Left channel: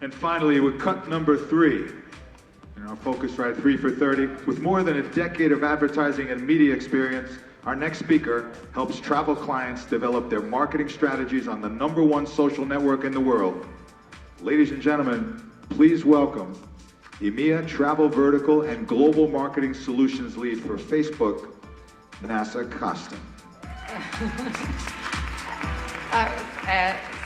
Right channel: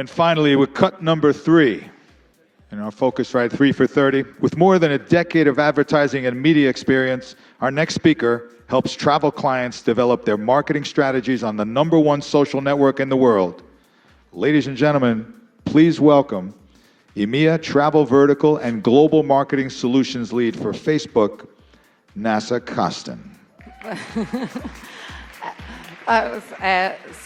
And finally, with cut number 3, in our Phocuswright 3 for 30, with more than a decade of advertising and media experience, our next speaker helps travel clients develop their marketing strategies on the #1 social network in the world. Ladies and gentlemen, please welcome EMEA Travel Vertical and Global Marketing Solutions Lead for Facebook, Nasa Costin. That was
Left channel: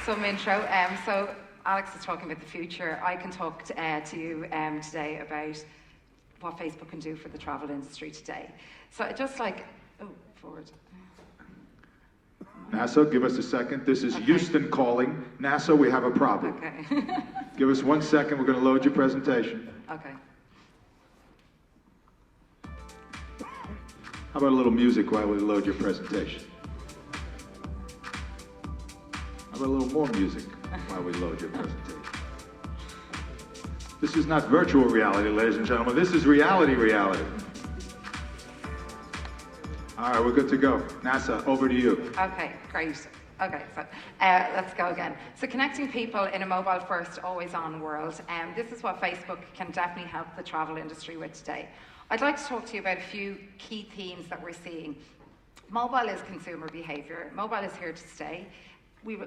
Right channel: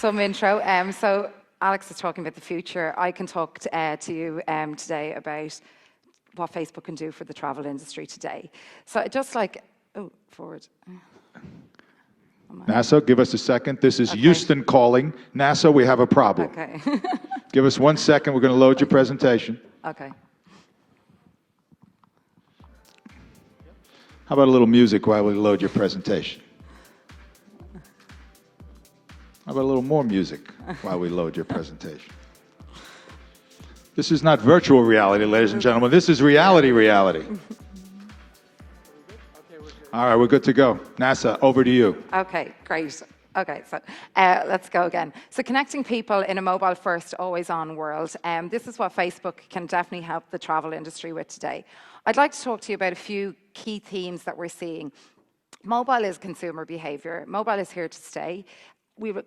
some intro. So Alex is talking about the future. I can talk to you today about what Facebook can do for the travel industry today. So just like, forward. NASA, give us a second. This is Houston calling. NASA, we have a problem. Okay. Give us 1 second. We're going to load your presentation. Okay. How about a little music while we load your presentation? How about a little more music while we load your presentation? This is not virtual reality, ladies and gentlemen. This is reality. All right, we're good to go. NASA, over to you. Okay, great. Okay, so let's go again. So connecting people in a mobile-first, always-on world. This is what Facebook can definitely help the travel industry with today. I'd like to talk to you about a few key themes that we're seeing. Mobile is consumer behavior. Mobile is here to stay.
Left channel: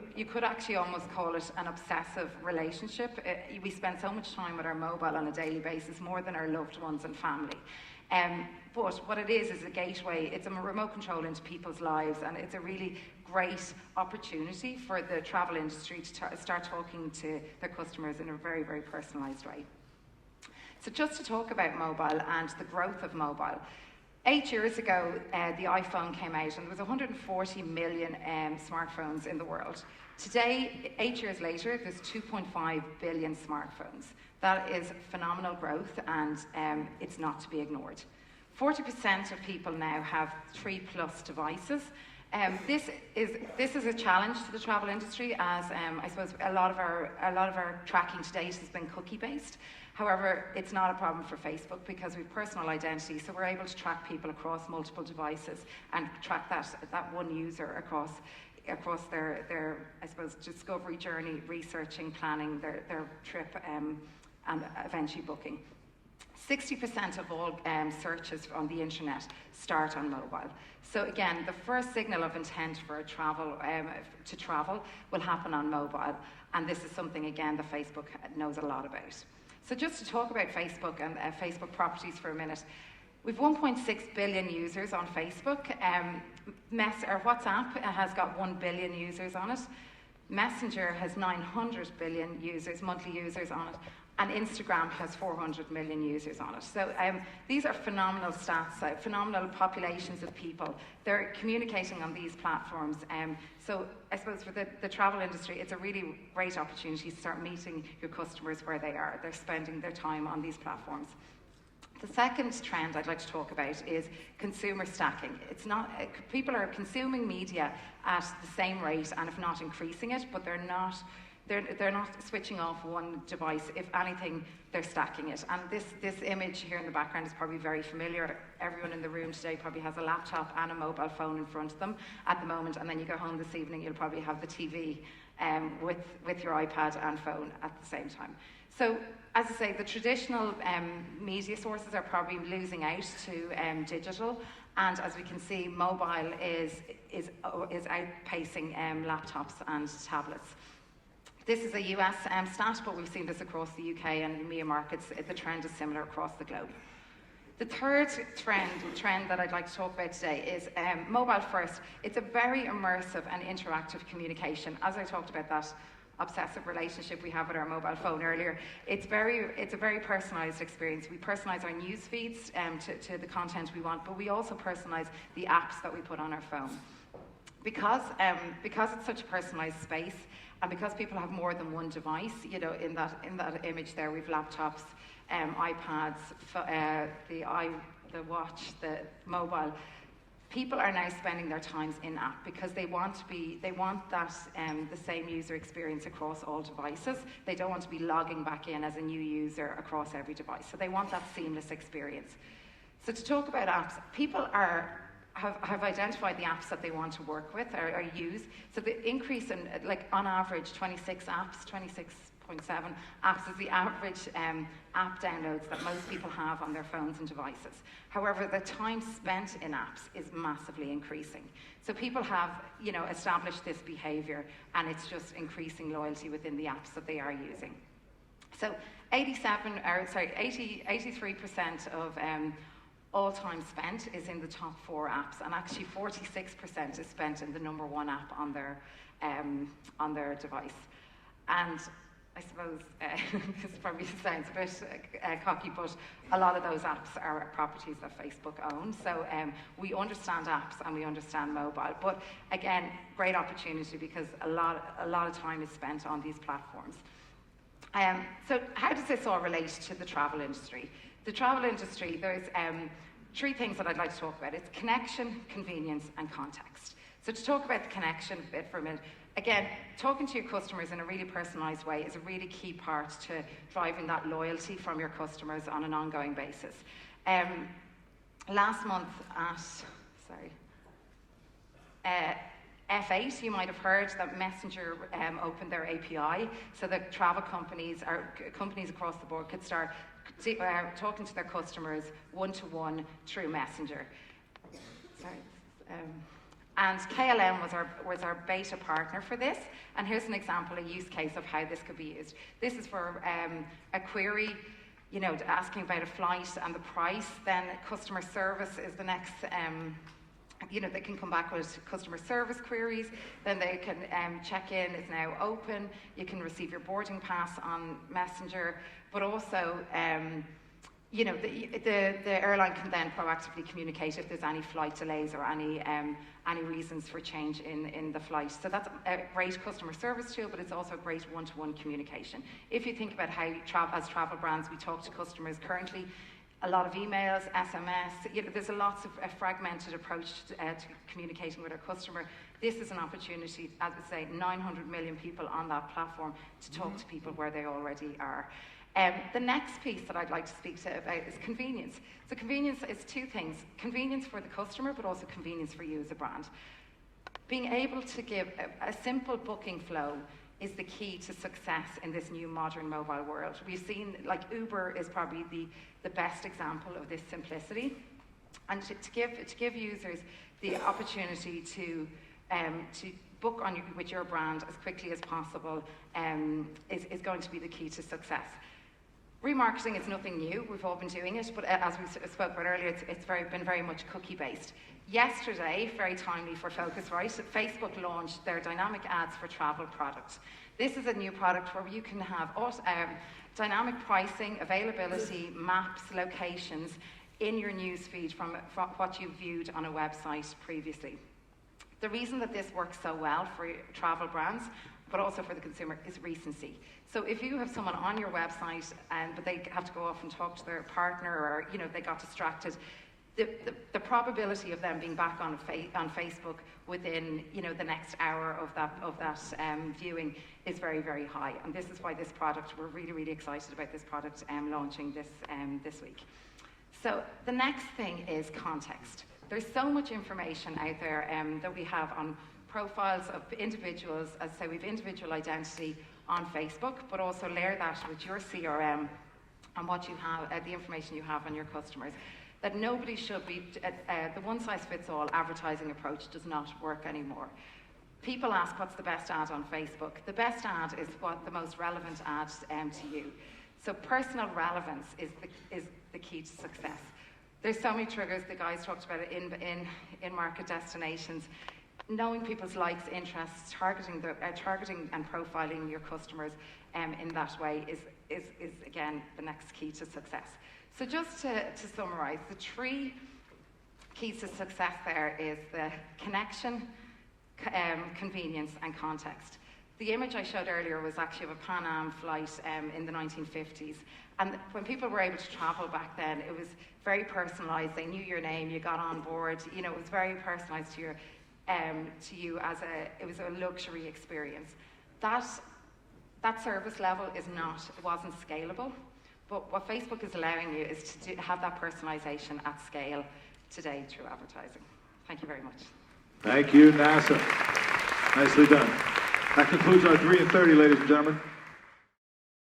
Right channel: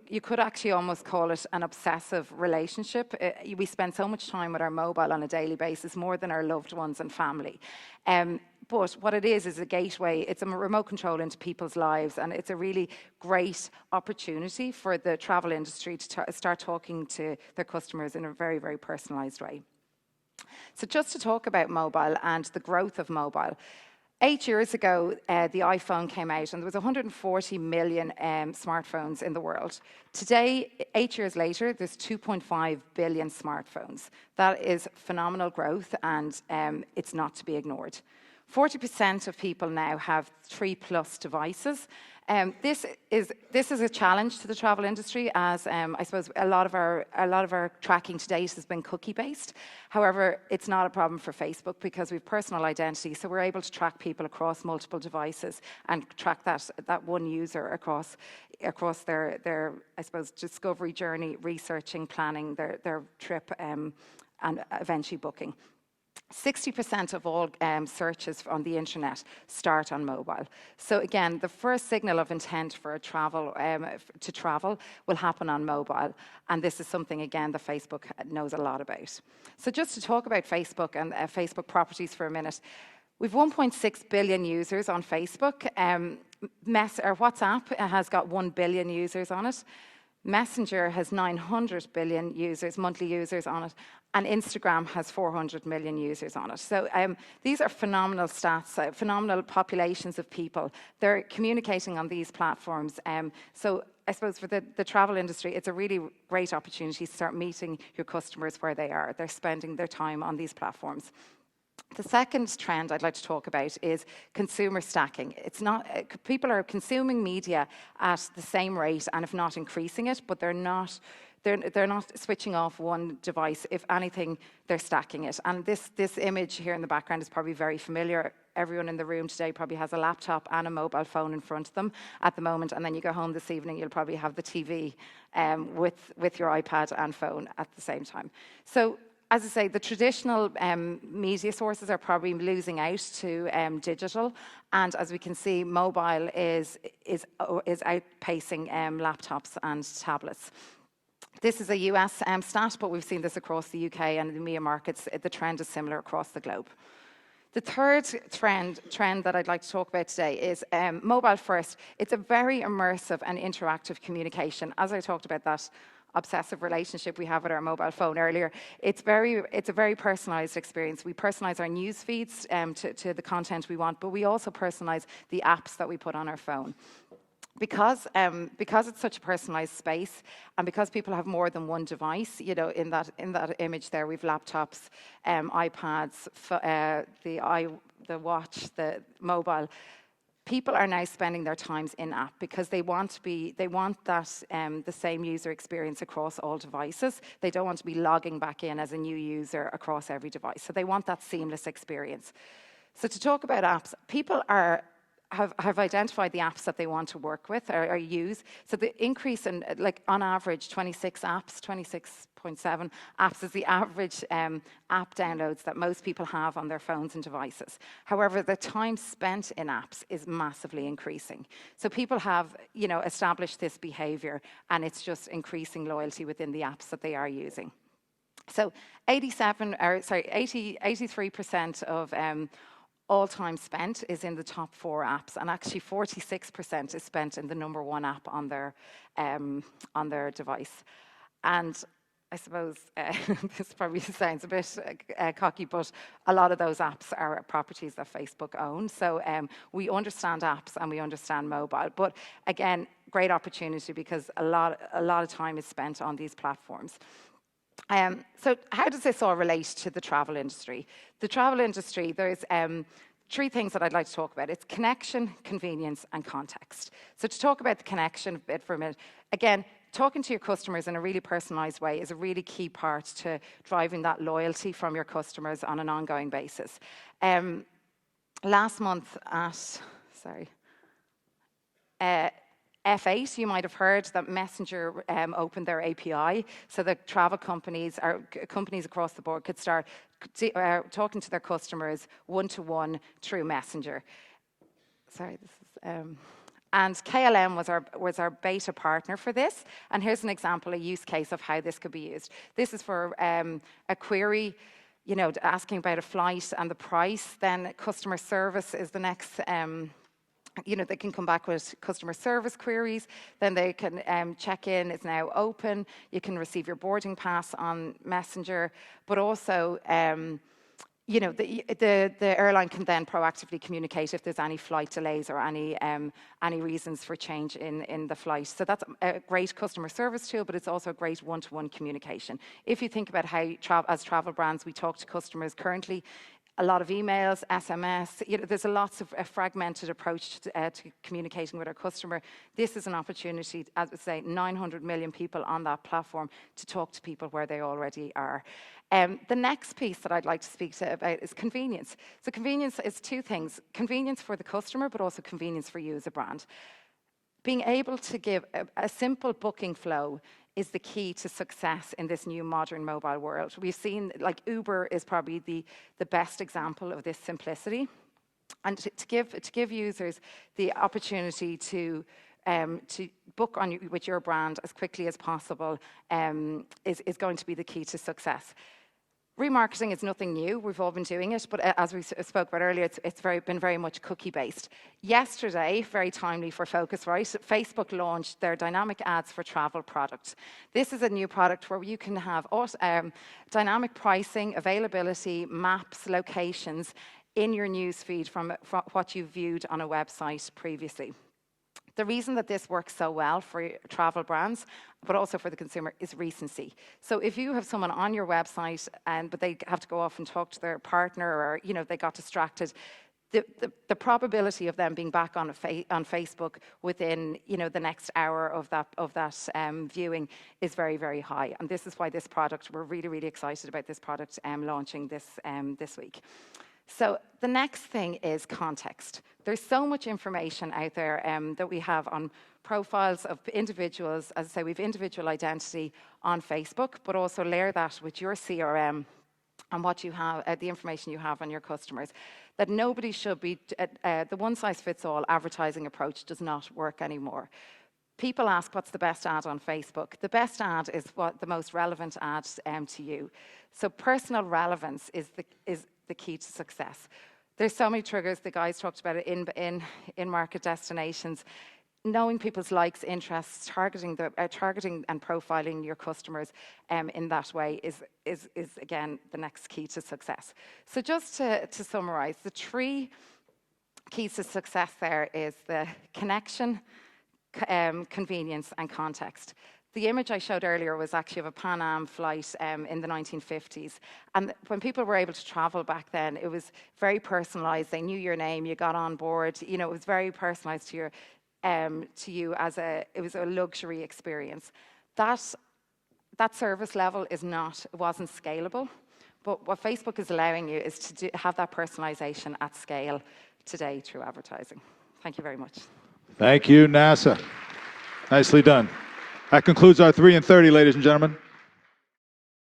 You could actually almost call it an obsessive relationship. We spend so much time with our mobile on a daily basis, more than our loved ones and family. But what it is a gateway. It's a remote control into people's lives, and it's a really great opportunity for the travel industry to start talking to their customers in a very, very personalised way. So just to talk about mobile and the growth of mobile. 8 years ago, the iPhone came out, and there was 140 million smartphones in the world. Today, 8 years later, there's 2.5 billion smartphones. That is phenomenal growth, and it's not to be ignored. 40% of people now have 3+ devices. This is a challenge to the travel industry, as I suppose a lot of our tracking to date has been cookie-based. However, it's not a problem for Facebook because we have personal identity, so we're able to track people across multiple devices and track that one user across their I suppose discovery journey, researching, planning their trip, and eventually booking. 60% of all searches on the internet start on mobile. So again, the first signal of intent for to travel will happen on mobile, and this is something again that Facebook knows a lot about. So just to talk about Facebook and Facebook properties for a minute, we've 1.6 billion users on Facebook. WhatsApp has got 1 billion users on it. Messenger has 900 billion monthly users on it. And Instagram has 400 million users on it. So these are phenomenal stats, phenomenal populations of people. They're communicating on these platforms. So I suppose for the travel industry, it's a really great opportunity to start meeting your customers where they are. They're spending their time on these platforms. The second trend I'd like to talk about is consumer stacking. It's not people are consuming media at the same rate, and if not increasing it, but they're not switching off one device. If anything, they're stacking it. And this image here in the background is probably very familiar. Everyone in the room today probably has a laptop and a mobile phone in front of them at the moment. And then you go home this evening, you'll probably have the TV with your iPad and phone at the same time. So as I say, the traditional media sources are probably losing out to digital. And as we can see, mobile is outpacing laptops and tablets. This is a US stat, but we've seen this across the UK and the EMEA markets. The trend is similar across the globe. The third trend that I'd like to talk about today is mobile first. It's a very immersive and interactive communication. As I talked about that obsessive relationship we have with our mobile phone earlier, it's a very personalised experience. We personalise our news feeds to the content we want, but we also personalise the apps that we put on our phone. Because it's such a personalised space, and because people have more than one device, in that image there, we've laptops, iPads, the watch, the mobile. People are now spending their times in app because they want that the same user experience across all devices. They don't want to be logging back in as a new user across every device. So they want that seamless experience. So to talk about apps, people have identified the apps that they want to work with or use. So the increase in, on average, 26 apps, 26 6.7 apps is the average app downloads that most people have on their phones and devices. However, the time spent in apps is massively increasing. So people have, established this behavior, and it's just increasing loyalty within the apps that they are using. So 83% of all time spent is in the top 4 apps, and actually 46% is spent in the number 1 app on their device. And I suppose this probably sounds a bit cocky, but a lot of those apps are properties that Facebook owns. So we understand apps and we understand mobile, but again, great opportunity because a lot of time is spent on these platforms. So how does this all relate to the travel industry? The travel industry, there's 3 things that I'd like to talk about. It's connection, convenience, and context. So to talk about the connection bit for a minute, again, talking to your customers in a really personalised way is a really key part to driving that loyalty from your customers on an ongoing basis. Last month at, F8, you might have heard that Messenger opened their API so that travel companies across the board could start talking to their customers one-to-one through Messenger. And KLM was our beta partner for this. And here's an example, a use case of how this could be used. This is for a query, asking about a flight and the price. Then customer service is the next. They can come back with customer service queries. Then they can check-in is now open. You can receive your boarding pass on Messenger, but also. The airline can then proactively communicate if there's any flight delays or any reasons for change in the flight. So that's a great customer service tool, but it's also a great one-to-one communication. If you think about how, as travel brands, we talk to customers currently, a lot of emails, SMS, there's a lots of a fragmented approach to communicating with our customer. This is an opportunity, as I say, 900 million people on that platform to talk to people where they already are. The next piece that I'd like to speak about is convenience. So convenience is 2 things. Convenience for the customer, but also convenience for you as a brand. Being able to give a simple booking flow is the key to success in this new modern mobile world. We've seen, Uber is probably the best example of this simplicity. And to give users the opportunity to book with your brand as quickly as possible is going to be the key to success. Remarketing is nothing new. We've all been doing it, but as we spoke about earlier, it's been very much cookie-based. Yesterday, very timely for Phocuswright, Facebook launched their dynamic ads for travel products. This is a new product where you can have dynamic pricing, availability, maps, locations in your newsfeed from what you viewed on a website previously. The reason that this works so well for travel brands, but also for the consumer, is recency. So if you have someone on your website but they have to go off and talk to their partner, or they got distracted, the probability of them being back on Facebook within the next hour of that viewing is very, very high. And this is why this product, we're really, really excited about this product launching this week. So the next thing is context. There's so much information out there that we have on profiles of individuals. As I say, we have individual identity on Facebook, but also layer that with your CRM and what you have, the information you have on your customers. That nobody should be, the one-size-fits-all advertising approach does not work anymore. People ask, what's the best ad on Facebook? The best ad is what the most relevant ad to you. So personal relevance is the key to success. There's so many triggers. The guys talked about it in market destinations. Knowing people's likes, interests, targeting and profiling your customers in that way is again the next key to success. So just to summarise, the 3 keys to success there is the connection, convenience, and context. The image I showed earlier was actually of a Pan Am flight in the 1950s. And when people were able to travel back then, it was very personalised. They knew your name, you got on board. It was very personalised to you it was a luxury experience. That service level wasn't scalable. But what Facebook is allowing you is to have that personalisation at scale today through advertising. Thank you very much. Thank you, NASA. Nicely done. That concludes our 3 in 30, ladies and gentlemen.